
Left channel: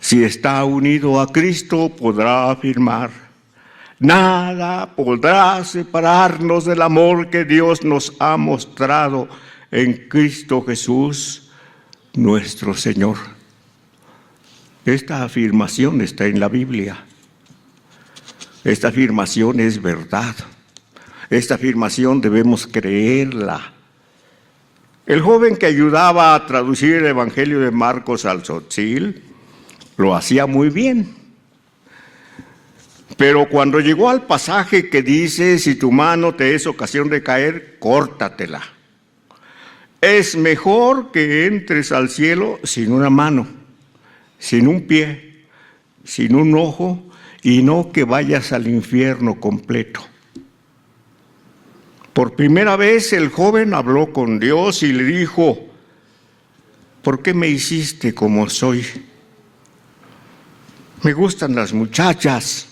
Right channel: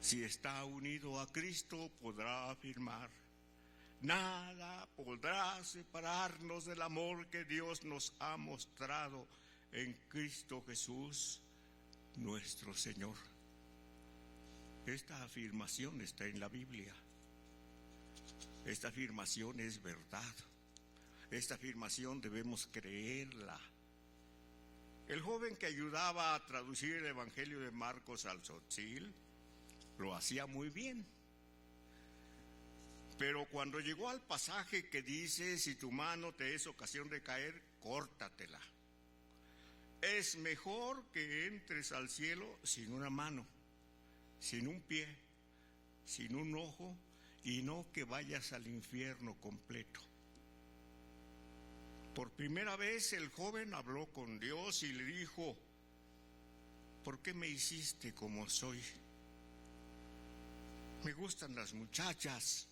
Si está unido a Cristo, podrá afirmar: nada podrá separarnos del amor que Dios nos ha mostrado en Cristo Jesús, nuestro Señor. Esta afirmación está en la Biblia. Esta afirmación es verdad. Esta afirmación debemos creerla. El joven que ayudaba a traducir el Evangelio de Marcos al tzotzil lo hacía muy bien. Pero cuando llegó al pasaje que dice: si tu mano te es ocasión de caer, córtatela. Es mejor que entres al cielo sin una mano, sin un pie, sin un ojo, y no que vayas al infierno completo. Por primera vez el joven habló con Dios y le dijo: ¿por qué me hiciste como soy? Me gustan las muchachas,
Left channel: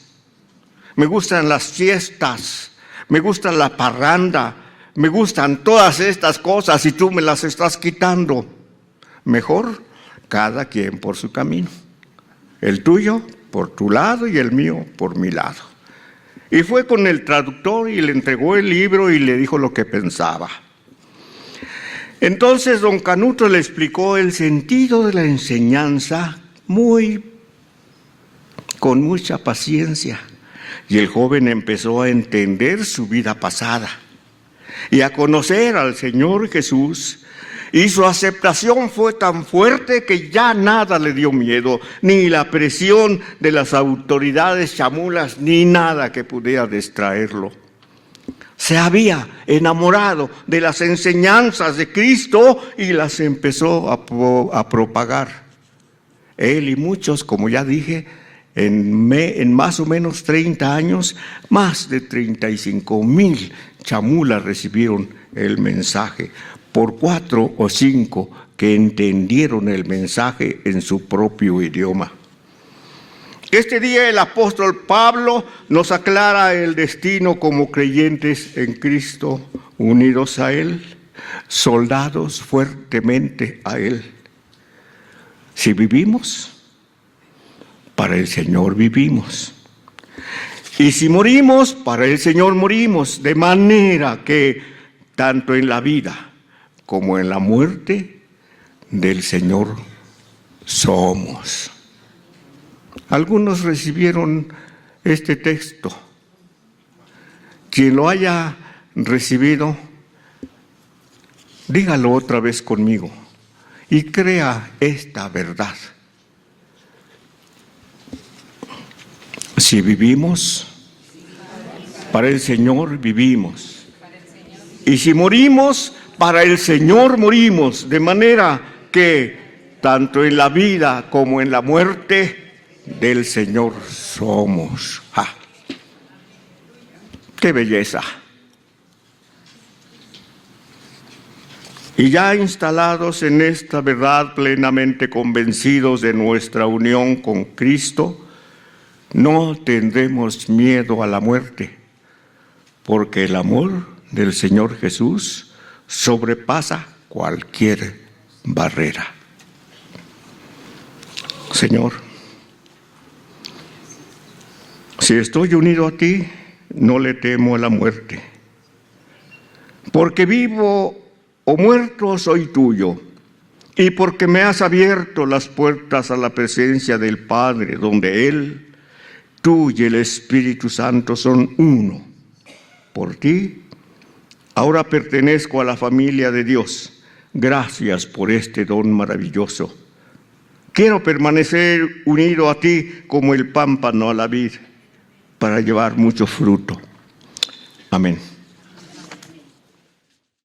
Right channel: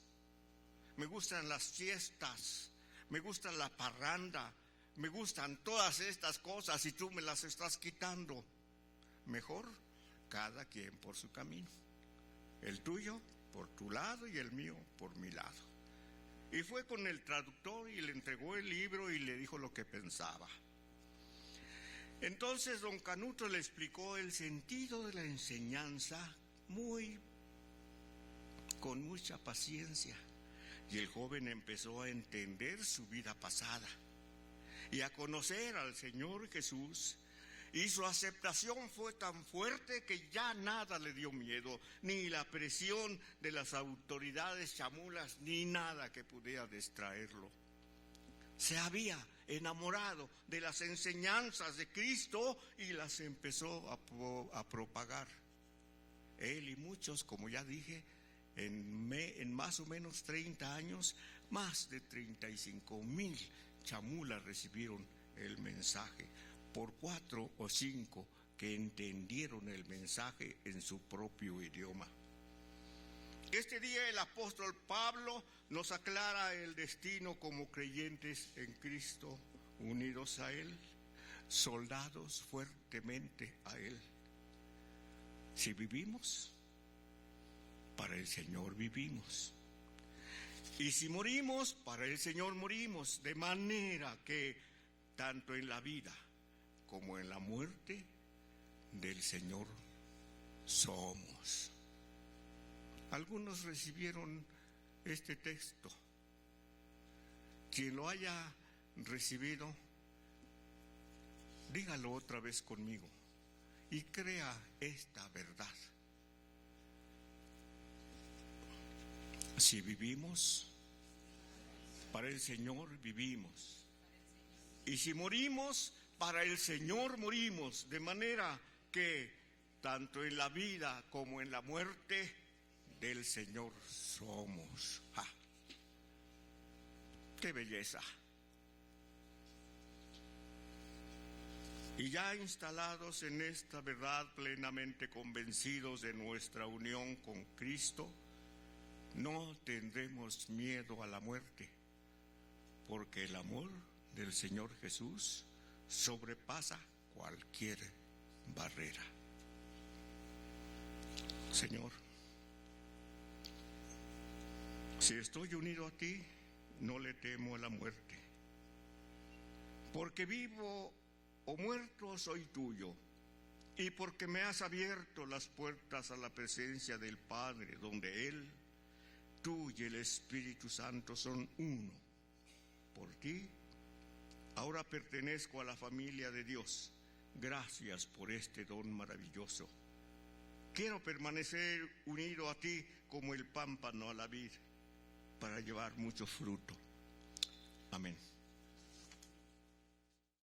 me gustan las fiestas, me gusta la parranda, me gustan todas estas cosas y tú me las estás quitando. Mejor cada quien por su camino. El tuyo por tu lado y el mío por mi lado. Y fue con el traductor y le entregó el libro y le dijo lo que pensaba. Entonces don Canuto le explicó el sentido de la enseñanza con mucha paciencia. Y el joven empezó a entender su vida pasada y a conocer al Señor Jesús. Y su aceptación fue tan fuerte que ya nada le dio miedo, ni la presión de las autoridades chamulas, ni nada que pudiera distraerlo. Se había enamorado de las enseñanzas de Cristo y las empezó a propagar. Él y muchos, como ya dije, en más o menos 30 años, más de 35,000 chamulas recibieron el mensaje, por 4 o 5 que entendieron el mensaje en su propio idioma. Este día el apóstol Pablo nos aclara el destino como creyentes en Cristo, unidos a Él, soldados fuertemente a Él. Si vivimos, para el Señor vivimos. Y si morimos, para el Señor morimos, de manera que tanto en la vida como en la muerte del Señor somos. Algunos recibieron este texto. Quien lo haya recibido, dígalo otra vez conmigo y crea esta verdad. Si vivimos, para el Señor vivimos. Y si morimos, para el Señor morimos, de manera que tanto en la vida como en la muerte del Señor somos. ¡Ah! ¡Qué belleza! Y ya instalados en esta verdad, plenamente convencidos de nuestra unión con Cristo, no tendremos miedo a la muerte, porque el amor del Señor Jesús sobrepasa cualquier barrera. Señor, si estoy unido a ti, no le temo a la muerte, porque vivo o muerto soy tuyo, y porque me has abierto las puertas a la presencia del Padre, donde Él, tú y el Espíritu Santo son uno. Por ti, ahora pertenezco a la familia de Dios. Gracias por este don maravilloso. Quiero permanecer unido a ti como el pámpano a la vid, para llevar mucho fruto. Amén.